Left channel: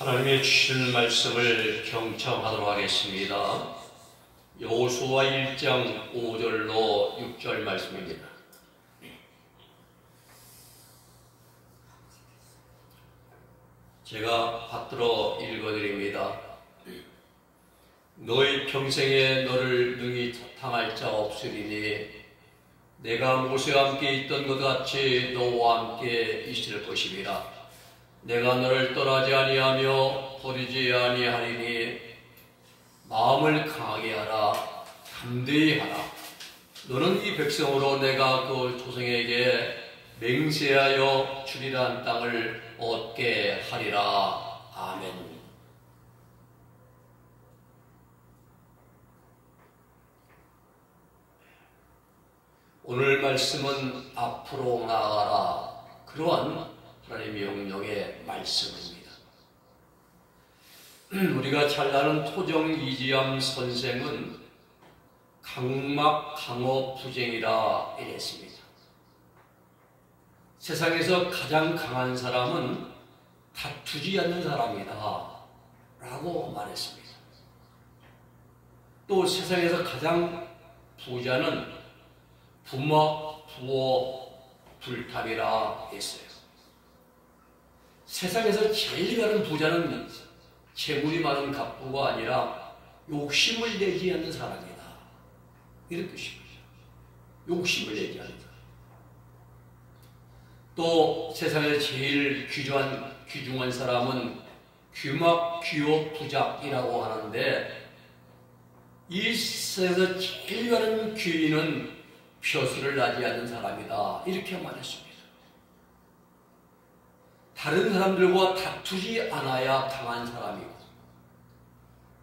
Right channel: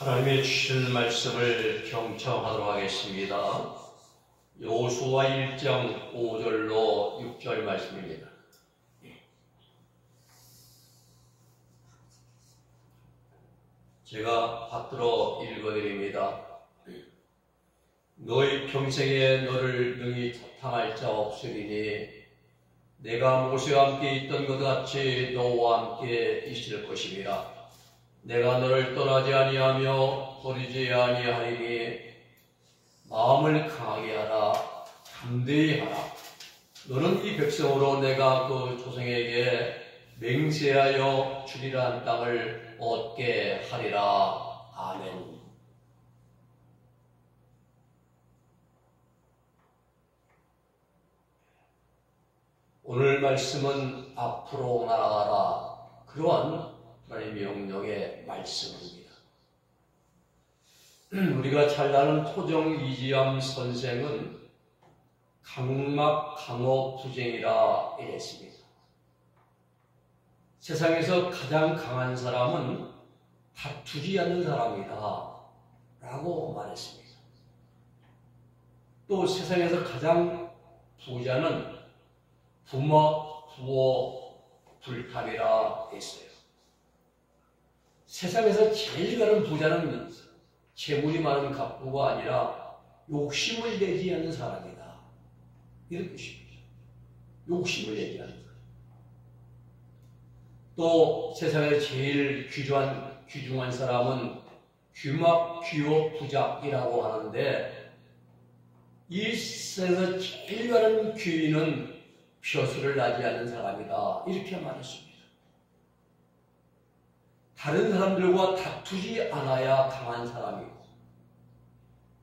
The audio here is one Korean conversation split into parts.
하나님의 주신 말씀을 경청하도록 하겠습니다. 여호수아 1장 5절로 6절 말씀입니다. 제가 받들어 읽어드립니다. 너희 평생에 너를 능히 당할 자 없으리니 내가 모세와 함께 있던 것 같이 너와 함께 있을 것입니다. 내가 너를 떠나지 아니하며 버리지 아니하리니 마음을 강하게 하라, 담대히 하라. 너는 이 백성으로 내가 그 조상에게 맹세하여 주리라 한 땅을 얻게 하리라. 아멘. 오늘 말씀은 앞으로 나아가라, 그러한 하나님의 명령의 말씀입니다. 우리가 잘 아는 토정 이지암 선생은 강막 강어 부쟁이라 이랬습니다. 세상에서 가장 강한 사람은 다투지 않는 사람이다 라고 말했습니다. 또 세상에서 가장 부자는 부먹, 부호, 불탑이라 했어요. 세상에서 제일 가는 부자는 재물이 많은 갑부가 아니라 욕심을 내지 않는 사람이다, 이런 뜻입니다. 욕심을 내지 않는 사람. 또 세상에 제일 귀중한 사람은 귀막, 귀호, 부작이라고 하는데, 이 세상에서 제일 가는 귀인은 벼슬을 나지 않는 사람이다, 이렇게 말했습니다. 다른 사람들과 다투지 않아야 강한 사람이고,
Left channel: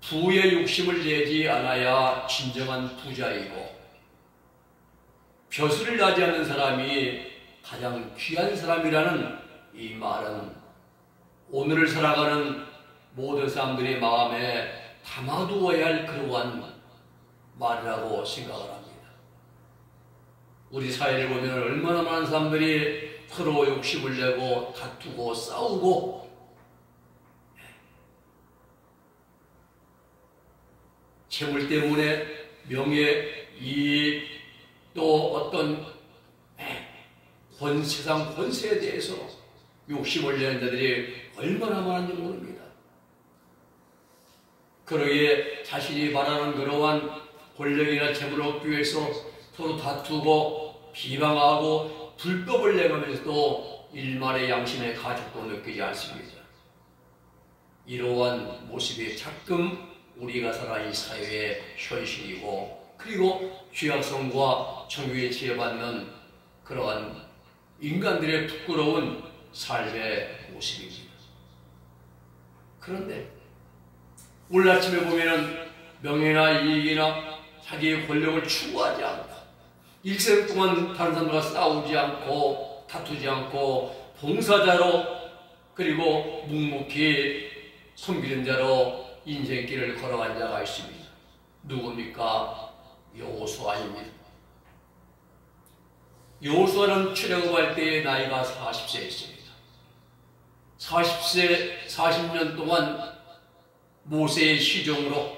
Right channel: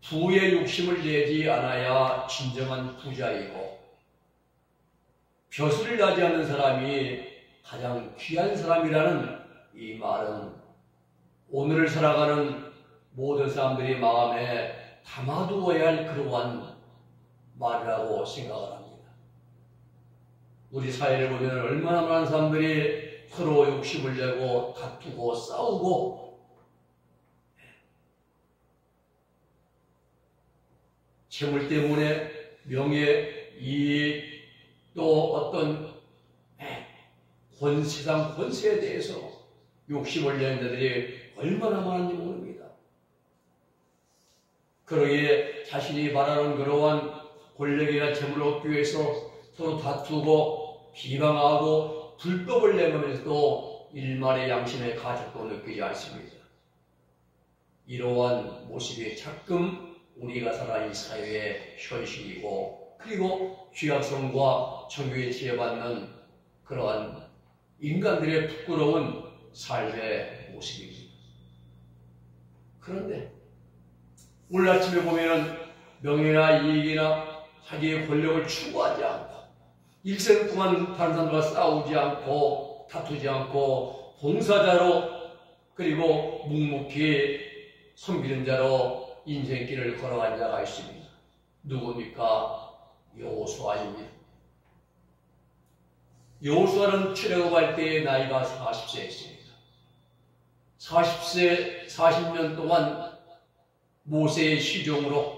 부의 욕심을 내지 않아야 진정한 부자이고, 벼슬을 나지 않는 사람이 가장 귀한 사람이라는 이 말은 오늘을 살아가는 모든 사람들이 마음에 담아두어야 할 그러한 말이라고 생각을 합니다. 우리 사회를 보면 얼마나 많은 사람들이 서로 욕심을 내고 다투고 싸우고, 재물 때문에 명예, 이익, 또 어떤 세상 권세에 대해서 욕심을 내는 자들이 얼마나 많은지 모릅니다. 그러기에 자신이 바라는 그러한 권력이나 재물을 얻기 위해서 서로 다투고 비방하고 불법을 내면서도 일말의 양심의 가책도 느끼지 않습니다. 이러한 모습이 가끔 우리가 살아가는 사회의 현실이고, 그리고 죄악성과 정의에 지혜받는 그러한 인간들의 부끄러운 삶의 모습입니다. 그런데 오늘 아침에 보면은 명예나 이익이나 자기의 권력을 추구하지 않고, 일생 동안 다른 사람들과 싸우지 않고 다투지 않고 봉사자로, 그리고 묵묵히 섬기는 자로 인생길을 걸어간 자가 있습니다. 누굽니까? 여호수아입니다. 여호수아는 출애굽할 때의 나이가 40세였습니다. 40년 동안 모세의 시종으로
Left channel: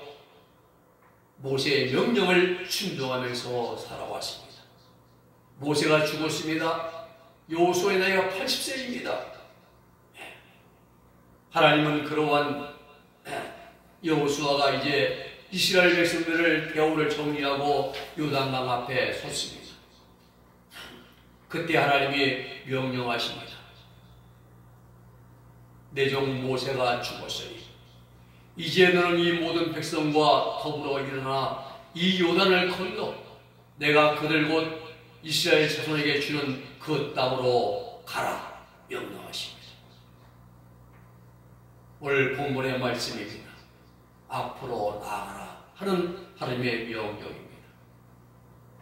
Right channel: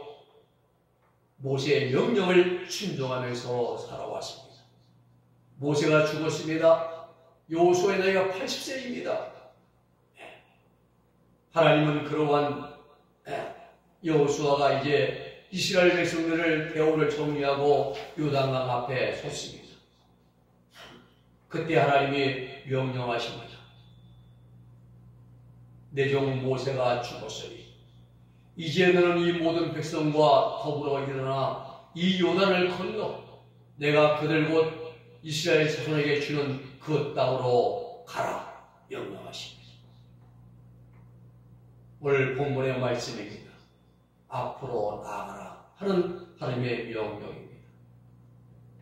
모세의 명령을 순종하면서 살아왔습니다. 모세가 죽었습니다. 여호수아의 나이가 80세입니다. 하나님은 그러한 여호수아가 이제 이스라엘 백성들을 대우를 정리하고 요단강 앞에 섰습니다. 그때 하나님이 명령하십니다. 내 종 모세가 죽었으니 이제 너는 이 모든 백성과 더불어 일어나 이 요단을 건너 내가 그들 곧 이스라엘 자손에게 주는 그 땅으로 가라, 명령하십니다. 오늘 본문의 말씀입니다. 앞으로 나아가라 하는 하나님의 명령입니다.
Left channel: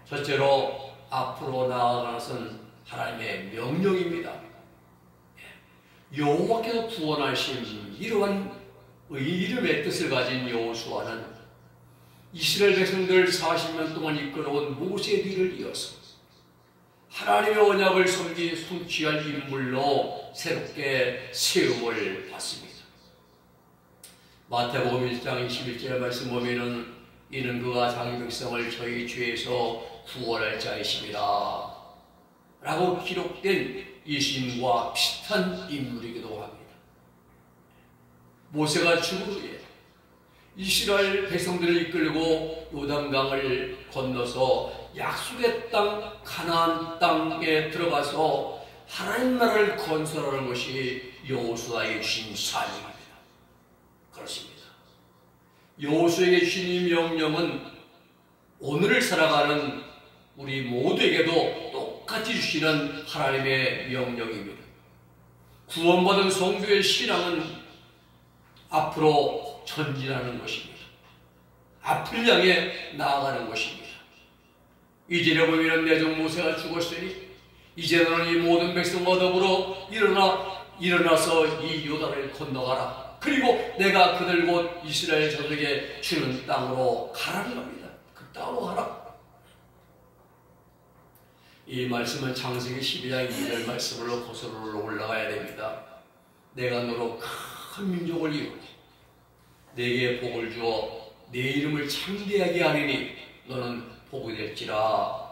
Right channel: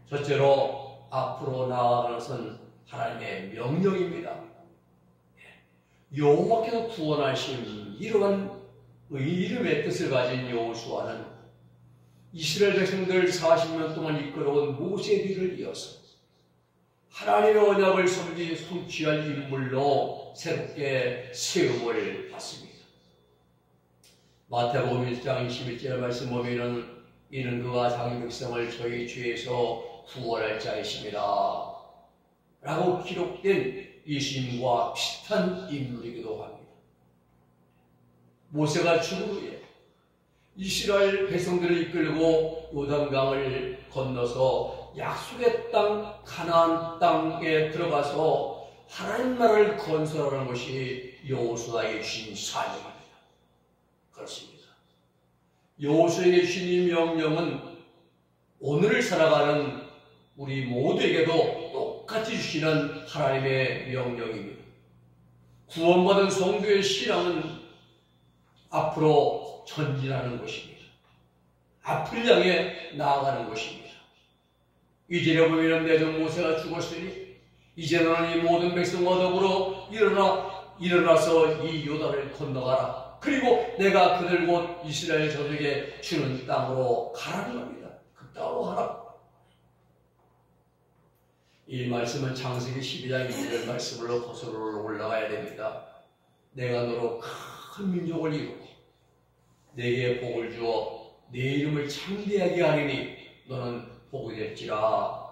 첫째로 앞으로 나아가는 것은 하나님의 명령입니다. 여호와께서 구원하신 이러한 이름의 뜻을 가진 여호수아는 이스라엘 백성들 40년 동안 이끌어온 모세 뒤를 이어서 하나님의 언약을 성취할 인물로 새롭게 세움을 받습니다. 마태복음 1장 21절 말씀 보면은 이는 그가 자기 백성을 저희 죄에서 구원할 자이십니다 라고 기록된 예수님과 비슷한 인물이기도 합니다. 모세가 죽은 후에 이스라엘 백성들을 이끌고 요단강을 건너서 약속의 땅 가나안 땅에 들어가서 하나님 나라를 건설하는 것이 여호수아에게 주신 사명입니다. 그렇습니다. 여호수아에게 주신 이 명령은 오늘을 살아가는 우리 모두에게도 똑같이 주시는 하나님의 명령입니다. 구원받은 성도의 신앙은 앞으로 전진하는 것입니다. 앞을 향해 나아가는 것입니다. 이제를 보면 내 종 모세가 죽었으니 이제 너는 이 모든 백성과 더불어 일어나서 이 요단을 건너가라. 그리고 내가 그들 곧 이스라엘 저들에게 주는 땅으로 가라는 겁니다. 그 땅으로 가라. 이 말씀은 창세기 12장 2절 말씀으로 거슬러 올라가야 됩니다. 내가 너로 큰 민족을 이루고 내게 복을 주어 내 이름을 창대하게 하리니 너는 복이 될지라.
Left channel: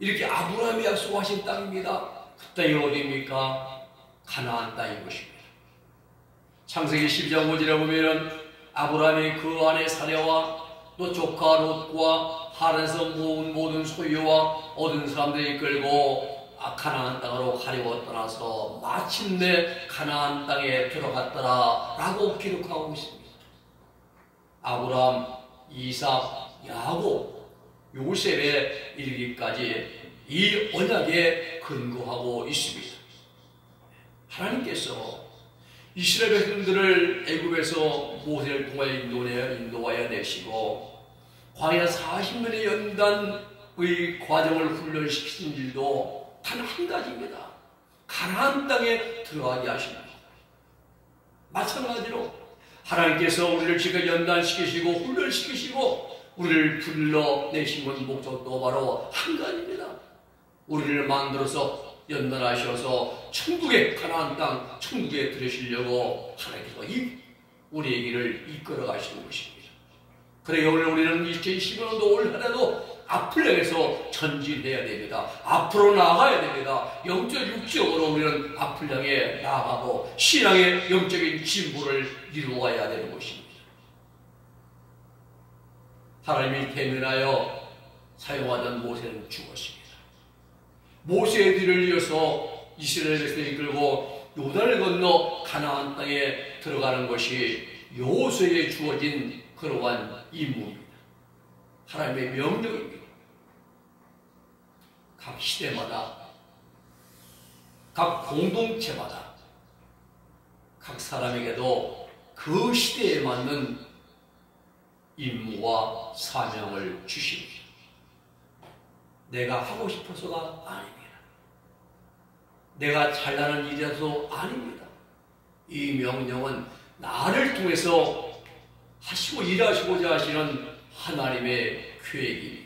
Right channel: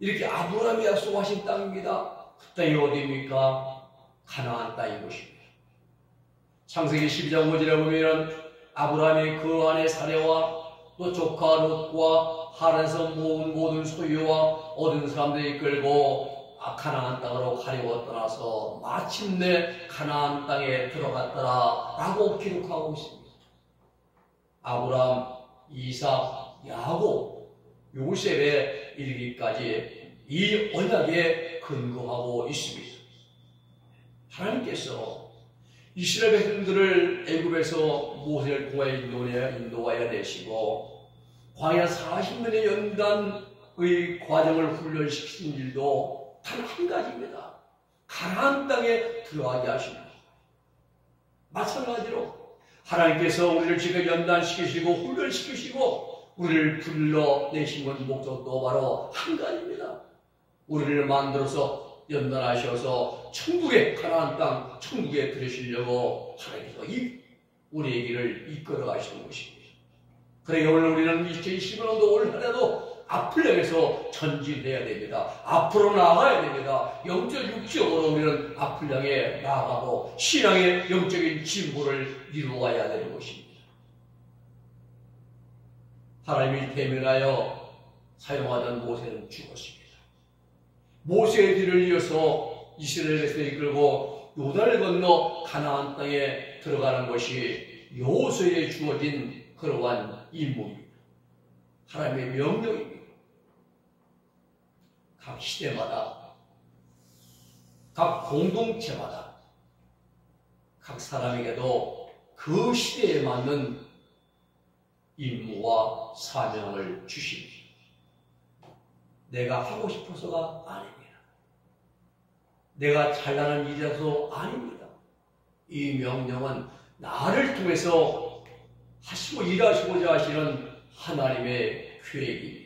이렇게 아브라함이 약속하신 땅입니다. 그 땅이 어디입니까? 가나안 땅인 것입니다. 창세기 12장 5절에 보면 아브라함이 그 안에 사내와 또 조카 롯과 하란에서 모은 모든 소유와 얻은 사람들을 이끌고 가나안 땅으로 가려고 떠나서 마침내 가나안 땅에 들어갔더라 라고 기록하고 있습니다. 아브라함, 이삭, 야곱, 요셉에 이르기까지 이 언약에 근거하고 있습니다. 하나님께서 이스라엘 백성들을 애굽에서 모세를 통하여 인도하여 내시고 광야 40년의 연단의 과정을 훈련시키신 일도 단 한 가지입니다. 가나안 땅에 들어가게 하십니다. 마찬가지로 하나님께서 우리를 지금 연단시키시고 훈련시키시고 우리를 불러내신 건 목적도 바로 한 가지입니다. 우리를 만들어서 연단하셔서 천국의 가나안 땅, 천국에 들으시려고 하나님께서 우리의 길을 이끌어 가시는 것입니다. 그래 오늘 우리는 2015년도 올 한해도 앞을 향해서 전진해야 됩니다. 앞으로 나아가야 됩니다. 영적 육적으로 우리는 앞을 향해 나아가고 신앙의 영적인 진보를 이루어야 되는 것입니다. 하나님이 대면하여 사용하던 모세는 죽었습니다. 모세의 뒤를 이어서 이스라엘 백성을 이끌고 요단을 건너 가나안 땅에 들어가는 것이 여호수아에게 주어진 그러한 임무입니다. 하나님의 명령입니다. 각 시대마다 각 공동체마다 각 사람에게도 그 시대에 맞는 임무와 사명을 주십니다. 내가 하고 싶어서가 아닙니다. 내가 잘나는 일이라서 아닙니다. 이 명령은 나를 통해서 하시고 일하시고자 하시는 하나님의 계획입니다.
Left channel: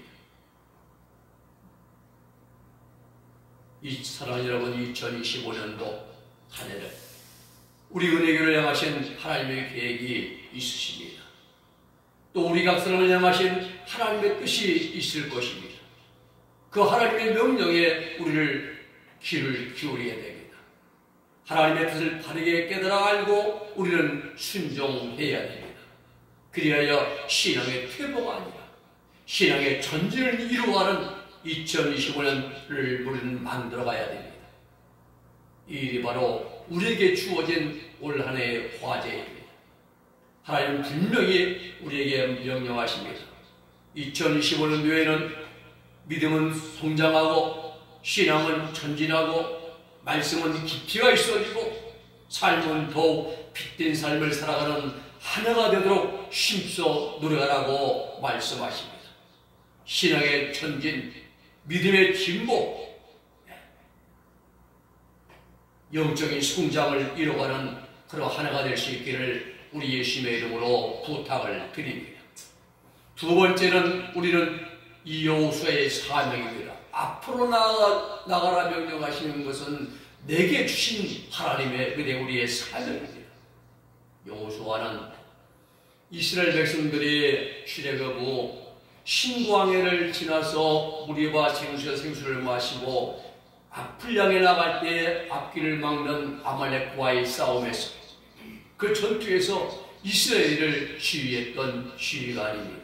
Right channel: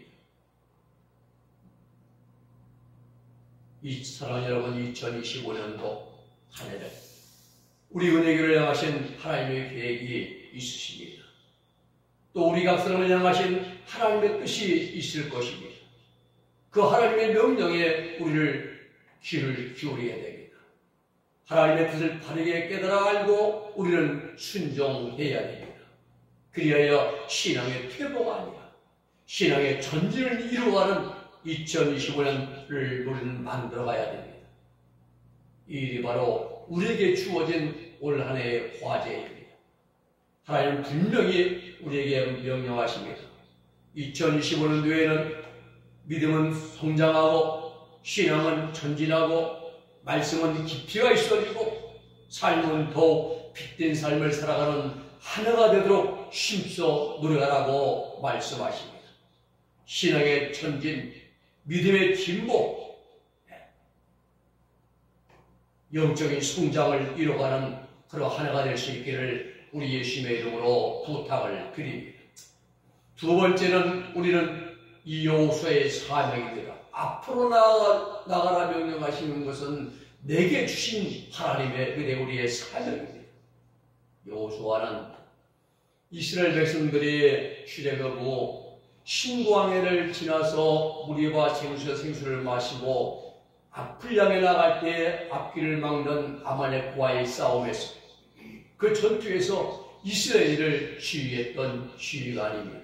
이 사랑하는 여러분, 2025년도 한 해를 우리 은혜교를 향하신 하나님의 계획이 있으십니다. 또 우리 각 사람을 향하신 하나님의 뜻이 있을 것입니다. 그 하나님의 명령에 우리를 귀를 기울여야 됩니다. 하나님의 뜻을 바르게 깨달아 알고 우리는 순종해야 됩니다. 그리하여 신앙의 퇴보가 아니라 신앙의 전진을 이루어가는 2025년을 우리는 만들어가야 됩니다. 이 일이 바로 우리에게 주어진 올 한 해의 과제입니다. 하나님은 분명히 우리에게 명령하십니다. 2025년도에는 믿음은 성장하고 신앙은 전진하고 말씀은 깊이가 있어지고 삶은 더욱 빛된 삶을 살아가는 하나가 되도록 힘써 노력하라고 말씀하십니다. 신앙의 전진, 믿음의 진보, 영적인 성장을 이뤄가는 그런 하나가 될 수 있기를 우리 예수님의 이름으로 부탁을 드립니다. 두 번째는 우리는 이 여호수아의 사명입니다. 앞으로 나가라 명령하시는 것은 내게 주신 하나님의 은혜 우리의 사명입니다. 여호수아는 이스라엘 백성들이 출애굽 후 신광야를 지나서 무리와 생수를 마시고 앞을 향해 나갈 때 앞길을 막는 아말렉과의 싸움에서 그 전투에서 이스라엘을 지휘했던 지휘관입니다.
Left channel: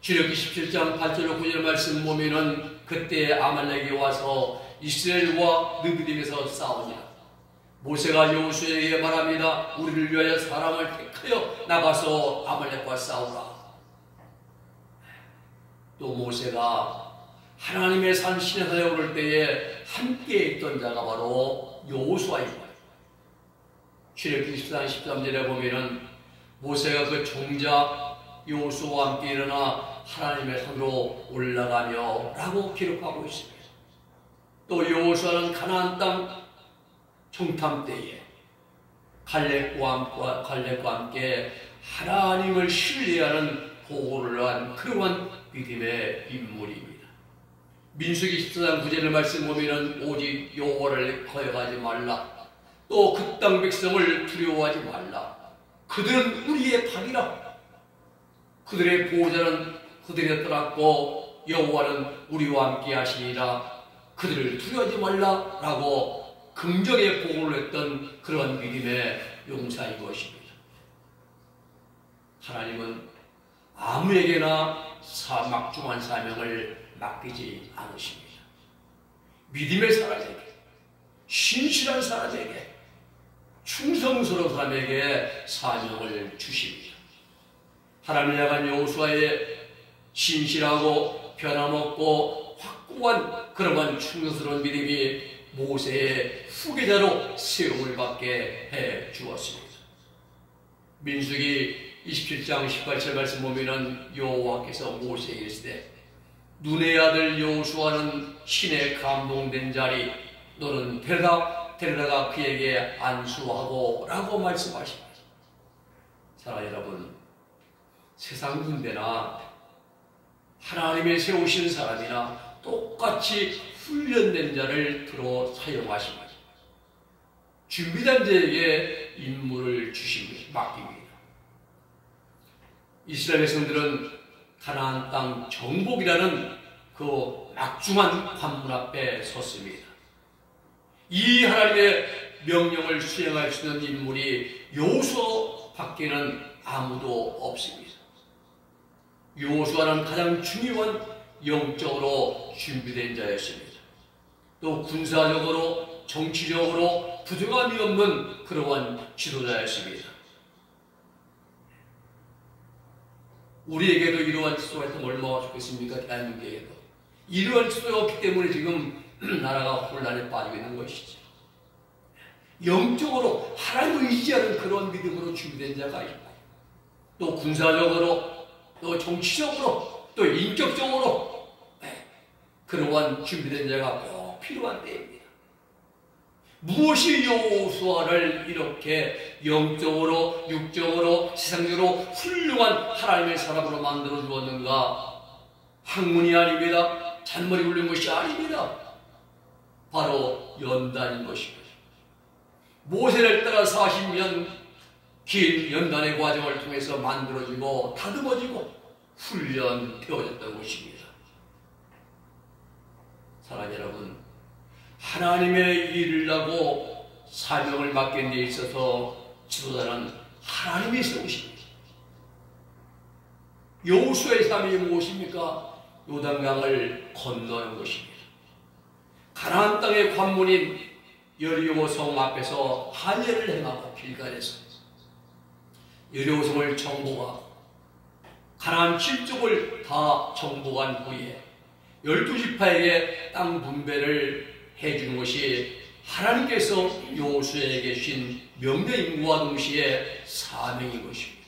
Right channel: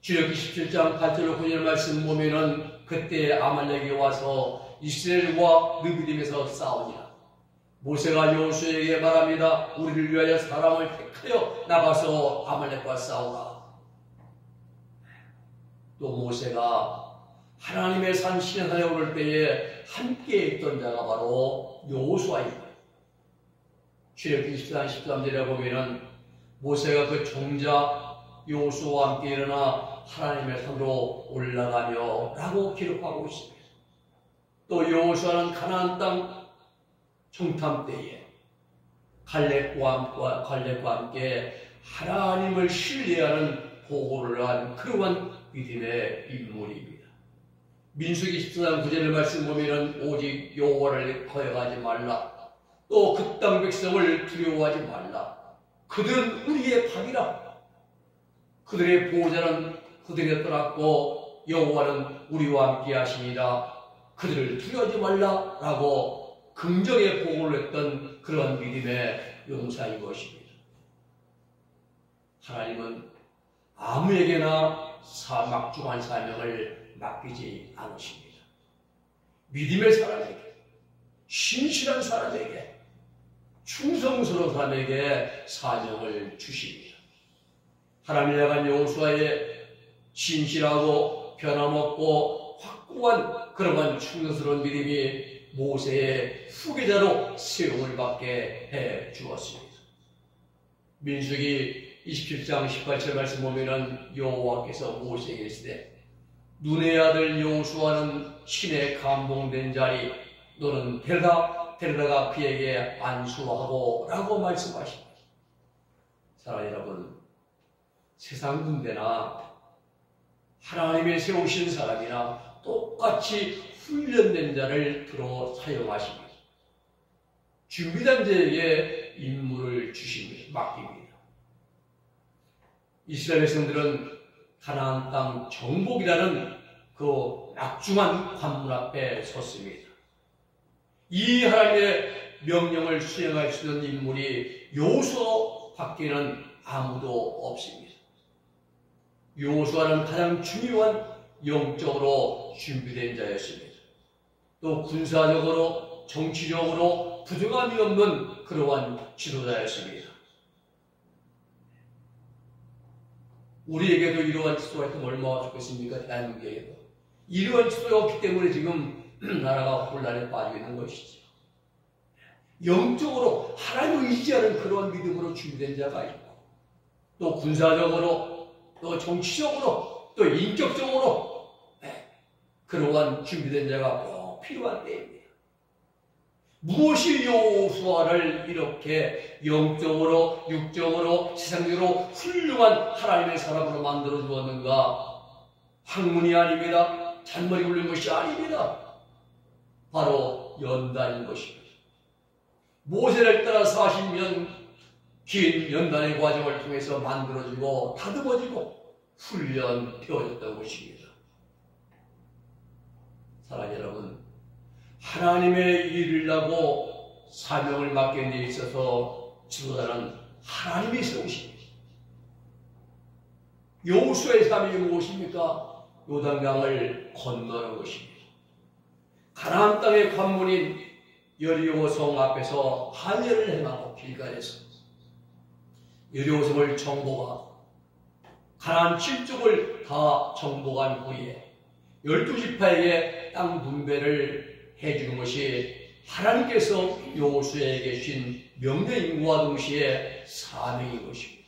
출애굽기 17장 8절로 9절 말씀 보면은 그때 아말렉이 와서 이스라엘과 느비딤에서 싸우니라. 모세가 여호수아에게 말합니다. 우리를 위하여 사람을 택하여 나가서 아말렉과 싸우라. 또 모세가 하나님의 산 시내산에 오를 때에 함께 있던 자가 바로 여호수아입니다. 출애굽기 14장 13절에 보면은 모세가 그 종자 여호수아와 함께 일어나 하나님의 산으로 올라가며 라고 기록하고 있습니다. 또 여호수아는 가나안 땅 정탐 때에 갈렙과 함께 하나님을 신뢰하는 보고를 한 그러한 믿음의 인물입니다. 민수기 14장 9절 말씀 보면은 오직 여호와를 거역하지 말라. 또 그 땅 백성을 두려워하지 말라. 그들은 우리의 박이라. 그들의 보호자는 그들이 떠났고 여호와는 우리와 함께 하시니라. 그들을 두려워하지 말라라고 긍정의 보고를 했던 그러한 믿음의 용사인 것입니다. 하나님은 아무에게나 막중한 사명을 맡기지 않으십니다. 믿음의 사람에게, 신실한 사람에게, 충성스러운 사람에게 사명을 주십니다. 하나님을 향한 여호수아의 신실하고 변함없고 확고한 그러한 충성스러운 믿음이 모세의 후계자로 세움을 받게 해 주었습니다. 민수기 27장 18절 말씀 보면은 여호와께서 모세에게 이르시되 눈의 아들 여호수아는 신에 감동된 자리 너는 데려다가 그에게 안수하고 라고 말씀하십니다. 사랑하는 여러분, 세상 군대나 하나님의 세우신 사람이나 똑같이 훈련된 자를 들어 사용하십니다. 준비된 자에게 임무를 맡깁니다. 이스라엘 백성들은 가나안 땅 정복이라는 그 막중한 관문 앞에 섰습니다. 이 하나님의 명령을 수행할 수 있는 인물이 여호수아 밖에는 아무도 없습니다. 여호수아는 가장 중요한 영적으로 준비된 자였습니다. 또 군사적으로 정치적으로 부족함이 없는 그러한 지도자였습니다. 우리에게도 이러한 지도가 있으면 얼마나 좋겠습니까? 대한민국에게도. 이러한 지도가 없기 때문에 지금 나라가 혼란에 빠지고 있는 것이죠. 영적으로 하나님을 의지하는 그런 믿음으로 준비된 자가 있고 또 군사적으로 또 정치적으로 또 인격적으로 그러한 준비된 자가 꼭 필요한 때입니다. 무엇이 여호수아를 이렇게 영적으로 육적으로 세상적으로 훌륭한 하나님의 사람으로 만들어 주었는가? 학문이 아닙니다. 잔머리 굴린 것이 아닙니다. 바로 연단인 것입니다. 모세를 따라 40년 긴 연단의 과정을 통해서 만들어지고 다듬어지고 훈련되어졌다는 것입니다. 사랑하는 여러분, 하나님의 일을 하고 사명을 맡긴 데 있어서 지도자는 하나님이 세우십니다. 여호수아의 사명이 무엇입니까? 요단강을 건너는 것입니다. 가나안 땅의 관문인 여리고 성 앞에서 할례를 행하고 길갈에서 여리고 성을 정복하고 가나안 7족을 다 정복한 후에 12지파에게 땅 분배를 해주는 것이 하나님께서 여호수아에게 주신 명령임과 동시에 사명인 것입니다.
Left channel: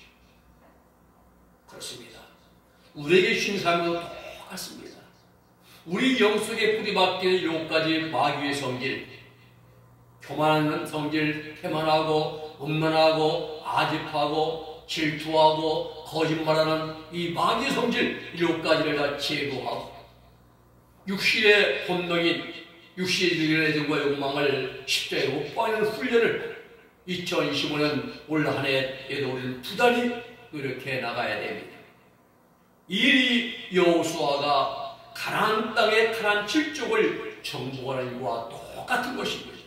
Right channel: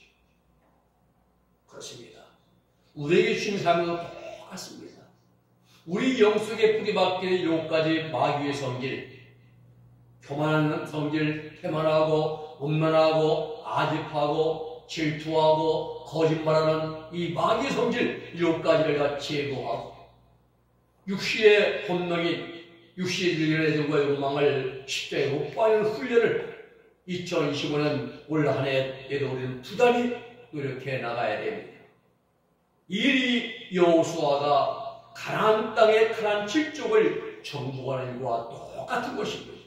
그렇습니다. 우리에게 주신 사명은 똑같습니다. 우리 영속에 뿌리박히는 7가지 마귀의 성질, 교만한 성질, 태만하고 음란하고 아집하고 질투하고 거짓말하는 이 마귀의 성질 7가지를 다 제거하고 육신의 본능인 육신의 애정과 욕망을 십자가에 못 박는 훈련을 2025년 올 한 해에도 우리는 부단히 이렇게 나가야 됩니다. 이 여호수아가 가나안 땅의 가나안 7족을 정복하는 일과 똑같은 것인 것입니다.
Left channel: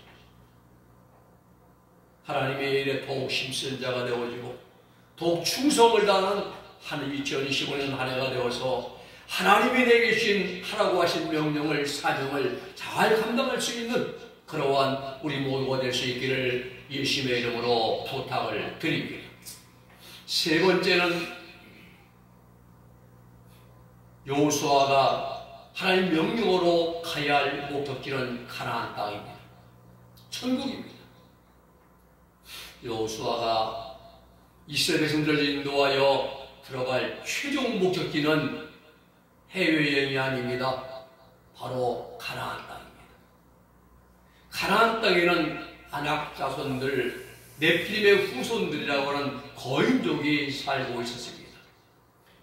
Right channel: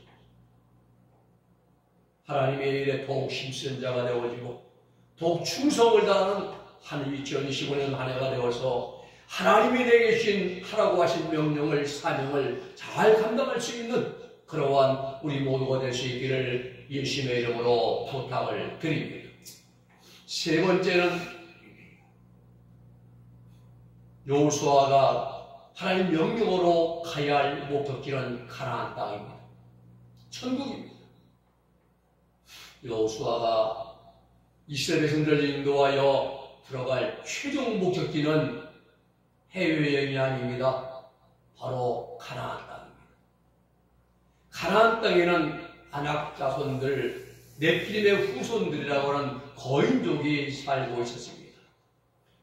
하나님의 일에 더욱 힘쓴 자가 되어지고 더욱 충성을 다하는 한 2025년 한 해가 되어서 하나님이 내게 주신 하라고 하신 명령을 사명을 잘 감당할 수 있는 그러한 우리 모두가 될 수 있기를 예수님의 이름으로 부탁을 드립니다. 세 번째는 여호수아가 하나님 명령으로 가야 할 목적지는 가나안 땅입니다. 천국입니다. 여호수아가 이스라엘 백성들을 인도하여 들어갈 최종 목적지는 해외여행이 아닙니다. 바로 가나안 땅입니다. 가나안 땅에는 아낙 자손들, 네피림의 후손들이라고 하는 거인족이 살고 있었습니다.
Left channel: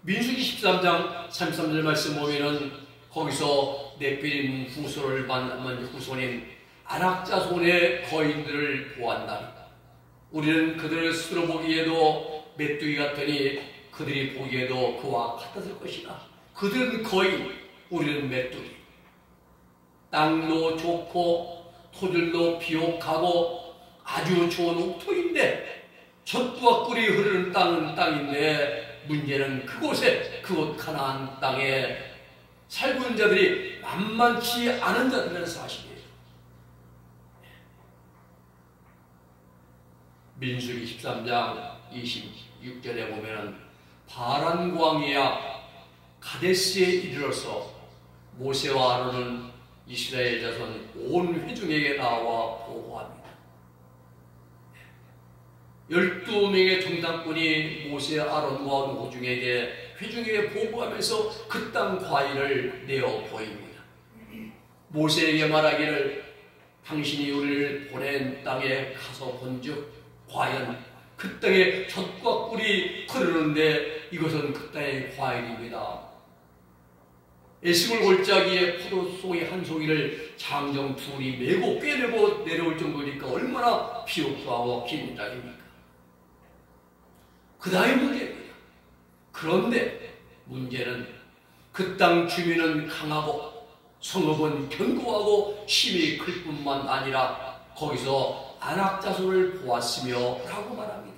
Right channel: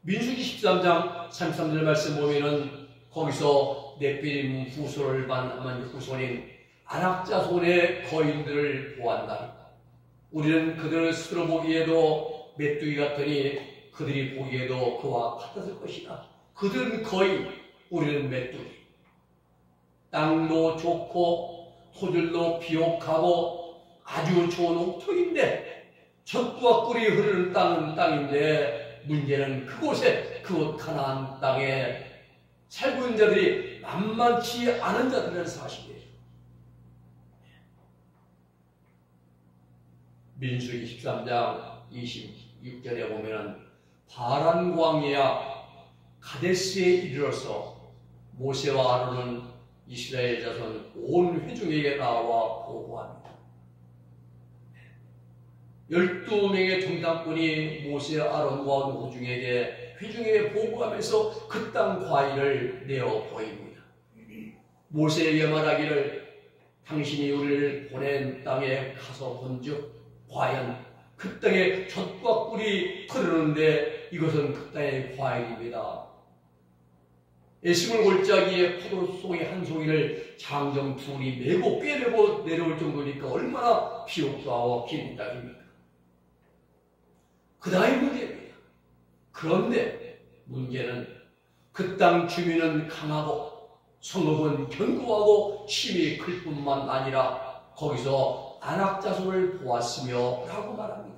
민수기 13장 33절 말씀 보면은 거기서 네피림 후손을 만난 후손인 아낙 자손의 거인들을 보았다. 우리는 그들을 스스로 보기에도 메뚜기 같으니 그들이 보기에도 그와 같았을 것이다. 그들은 거인, 우리는 메뚜기. 땅도 좋고 토질도 비옥하고 아주 좋은 옥토인데 젖과 꿀이 흐르는 땅은 땅인데 문제는 그곳에 그곳 가나안 땅에 살고 있는 자들이 만만치 않은 자들이라는 사실이에요. 민수기 13장 26절에 보면은 바란 광야 가데스에 이르러서 모세와 아론은 이스라엘 자손 온 회중에게 나와 보고합니다. 12명의 정탐꾼이 모세 아론과 회중에게 보고하면서 그 땅 과일을 내어 보입니다. 모세에게 말하기를 당신이 우리를 보낸 땅에 가서 본즉 과연 그 땅에 젖과 꿀이 흐르는데 이것은 그 땅의 과일입니다. 에스골 골짜기에 포도송이 한 송이를 장정 둘이 메고 꿰매고 내려올 정도니까 얼마나 비옥수하고 긴 땅입니까? 그 다음에 문제입니다. 그런데 문제는 그 땅 주민은 강하고 성읍은 견고하고 힘이 클 뿐만 아니라 거기서 아낙 자손을 보았으며 라고 말합니다.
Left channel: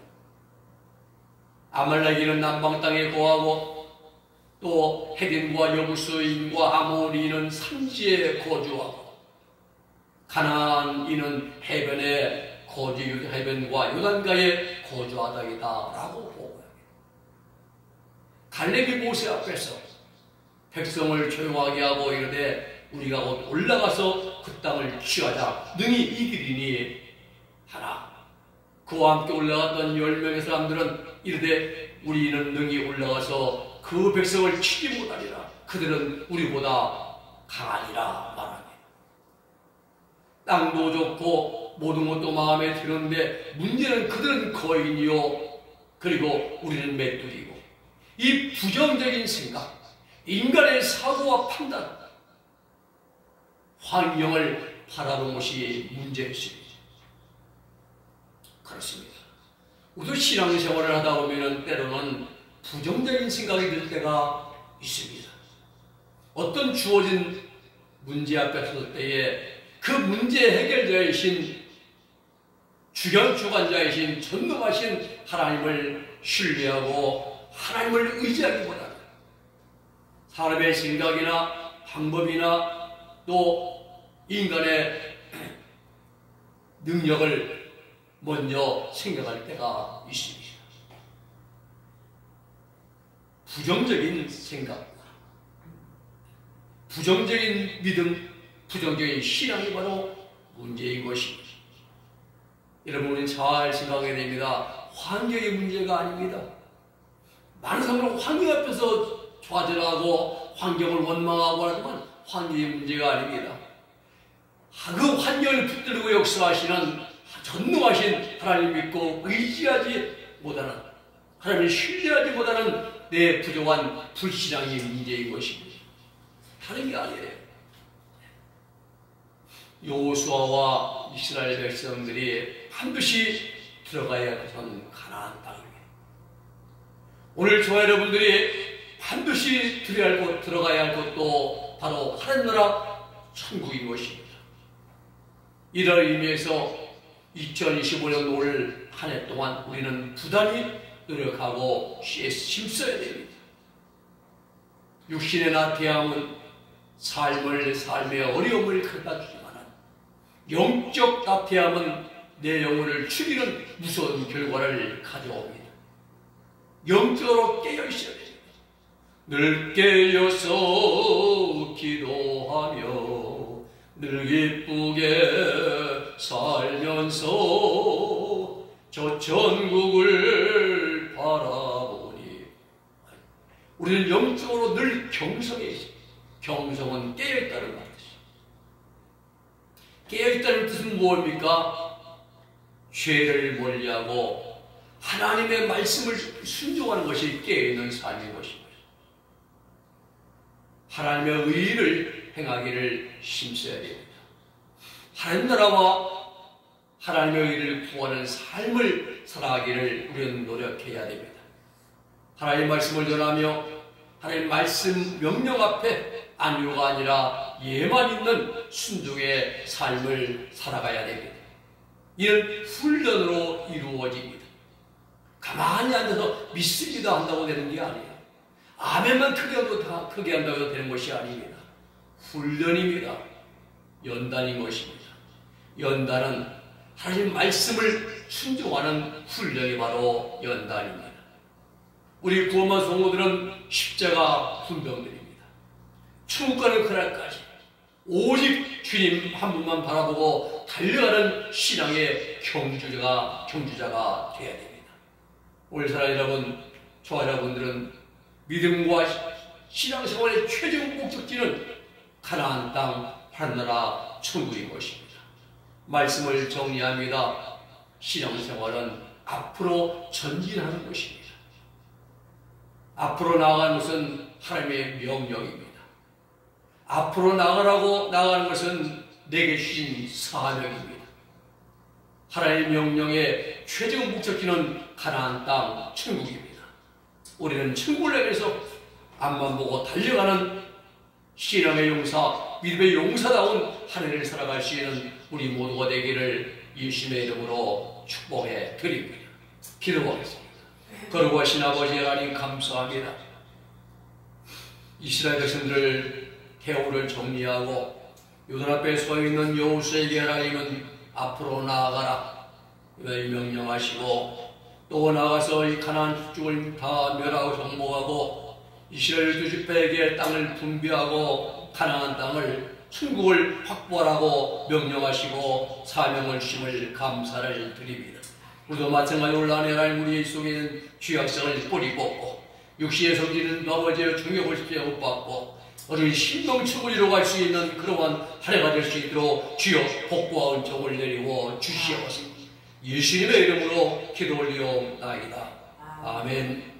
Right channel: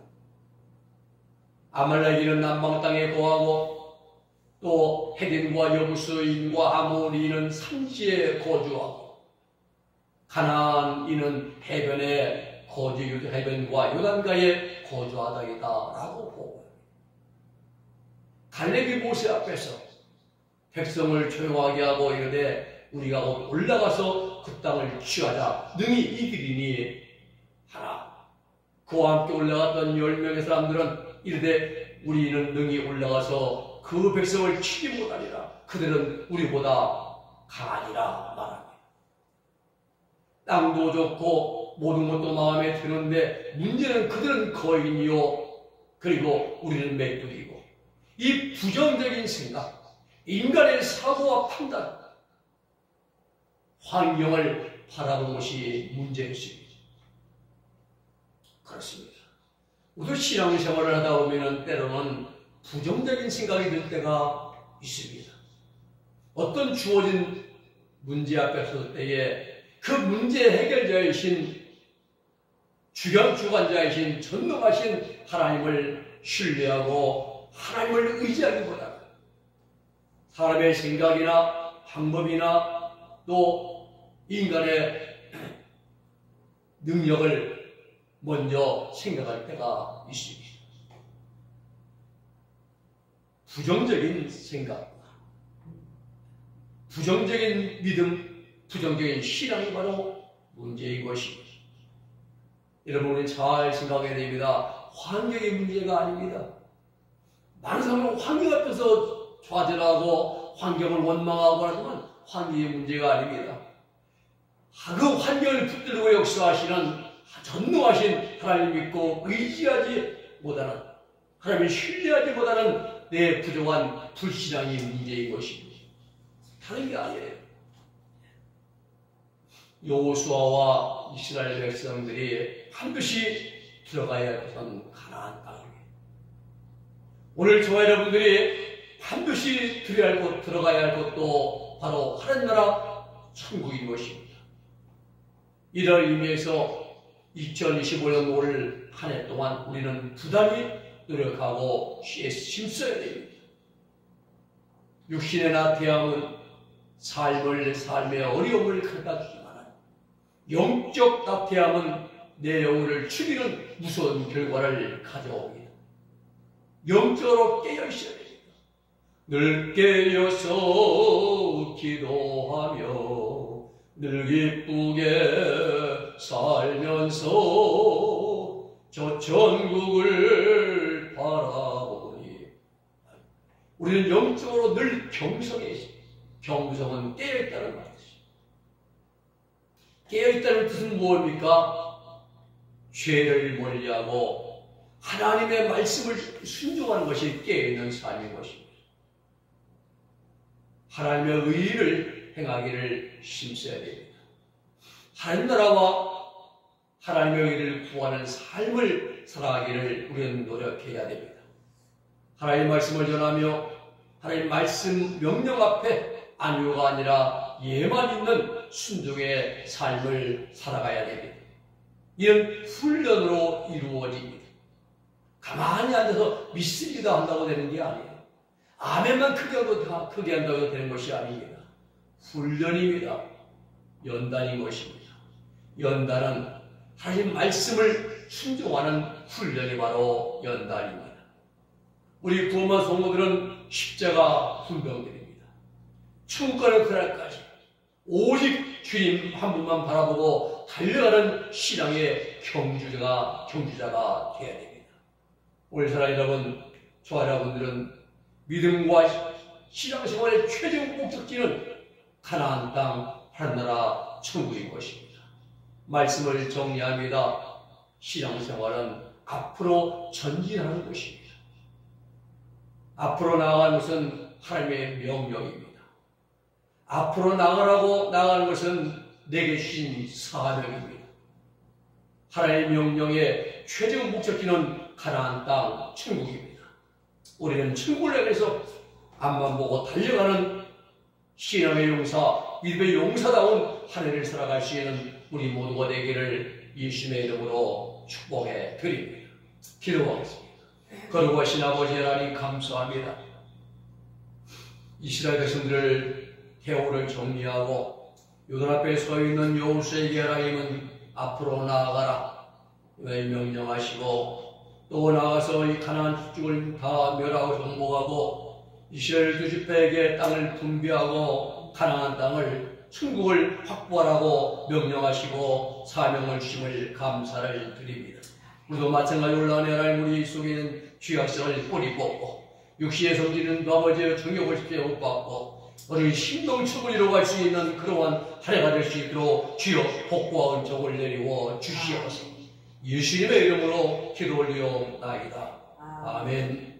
아말렉인은 남방 땅에 거하고 또 헤딘과 여부스인과 아모리는 산지에 거주하고 가나안인은 해변과 요단가에 거주하다이다 라고 보고합니다. 갈렙이 모세 앞에서 백성을 조용하게 하고 이르되 우리가 곧 올라가서 그 땅을 취하자 능히 이기리니 하나 그와 함께 올라갔던 10명의 사람들은 이르되 우리는 능히 올라가서 그 백성을 치지 못하리라. 그들은 우리보다 강하니라 말합니다. 땅도 좋고 모든 것도 마음에 드는데 문제는 그들은 거인이요 그리고 우리는 메뚜기고 이 부정적인 생각, 인간의 사고와 판단, 환경을 바라보는 것이 문제였습니다. 그렇습니다. 우리도 신앙생활을 하다 보면 때로는 부정적인 생각이 들 때가 있습니다. 어떤 주어진 문제 앞에 섰을 때에 그 문제 해결자이신 주관자이신 전능하신 하나님을 신뢰하고 하나님을 의지하기보다는 사람의 생각이나 방법이나 또 인간의 능력을 먼저 생각할 때가 있습니다. 부정적인 생각, 부정적인 믿음, 부정적인 신앙이 바로 문제인 것입니다. 여러분은 잘 생각해야 됩니다. 환경의 문제가 아닙니다. 많은 사람은 환경 앞에서 좌절하고 환경을 원망하고 하지만 환경의 문제가 아닙니다. 그 환경을 붙들고 역사하시는 전능하신 하나님 믿고 의지하지 못하는 하나님을 신뢰하지 못하는 내 부족한 불신앙이 문제인 것입니다. 다른 게 아니에요. 여호수아와 이스라엘 백성들이 반드시 들어가야 할 것은 가나안 땅입니다. 오늘 저와 여러분들이 반드시 들어가야 할 것도 바로 하나님 나라 천국인 것입니다. 이런 의미에서 2025년 올 한 해 동안 우리는 부단히 노력하고 힘써야 됩니다. 육신의 나태함은 삶의 어려움을 가져다주지만 영적 나태함은 내 영혼을 죽이는 무서운 결과를 가져옵니다. 영적으로 깨어있어야 됩니다. 늘 깨어서 기도하며 늘 기쁘게 살면서 저 천국을 바라보니 우리는 영적으로 늘 경성해 있습니다. 경성은 깨어있다는 뜻이죠. 깨어있다는 뜻은 무엇입니까? 죄를 멀리하고 하나님의 말씀을 순종하는 것이 깨어있는 삶인 것입니다. 하나님의 의를 행하기를 힘써야 됩니다. 하나님 나라와 하나님의 의를 구하는 삶을 살아가기를 우리는 노력해야 됩니다. 하나님의 말씀을 전하며 하나님의 말씀 명령 앞에 안위가 아니라 예만 있는 순종의 삶을 살아가야 됩니다. 이는 훈련으로 이루어집니다. 가만히 앉아서 믿습니다 한다고 되는 게 아니에요. 아멘만 크게 한다고 되는 것이 아닙니다. 훈련입니다. 연단인 것입니다. 연단은 하나님 말씀을 순종하는 훈련이 바로 연단입니다. 우리 구원받은 성도들은 십자가 훈병들입니다. 천국 가는 그날까지 오직 주님 한 분만 바라보고 달려가는 신앙의 경주자가 되어야 됩니다. 오늘 사랑 여러분, 저와 여러분들은 믿음과 신앙생활의 최종 목적지는 가나안 땅 하늘나라 천국인 것입니다. 말씀을 정리합니다. 신앙생활은 앞으로 전진하는 것입니다. 앞으로 나아가는 것은 하나님의 명령입니다. 앞으로 나아가는 것은 내게 주신 사명입니다. 하나님의 명령의 최종 목적지는 가나안 땅 천국입니다. 우리는 천국을 향해서 앞만 보고 달려가는 신앙의 용사, 믿음의 용사다운 한 해를 살아갈 수 있는 우리 모두가 되기를 예수님의 이름으로 축복해 드립니다. 기도하겠습니다. 거룩하신 아버지 하나님 감사합니다. 이스라엘 백성들을 대우를 정리하고 요단 앞에 서 있는 여호수아에게 하나님은 앞으로 나아가라 명령하시고 또 나아가서 이 가나안 북쪽을 다 멸하고 정복하고 이스라엘 두 지파에게 땅을 분배하고 가나안 땅을 천국을 확보하라고 명령하시고 사명을 주심을 감사를 드립니다. 우리도 마찬가지로 올라오는 하나님 우리 속에 있는 죄악성을 뿌리 뽑고 육신의 성질은 아버지의 중욕을 못 받고 어린 신동축을 이루어갈 수 있는 그러한 한 해가 될 수 있도록 주여 복과 은총을 내리고 주시옵소서. 예수님의 이름으로 기도 올리옵나이다. 아멘.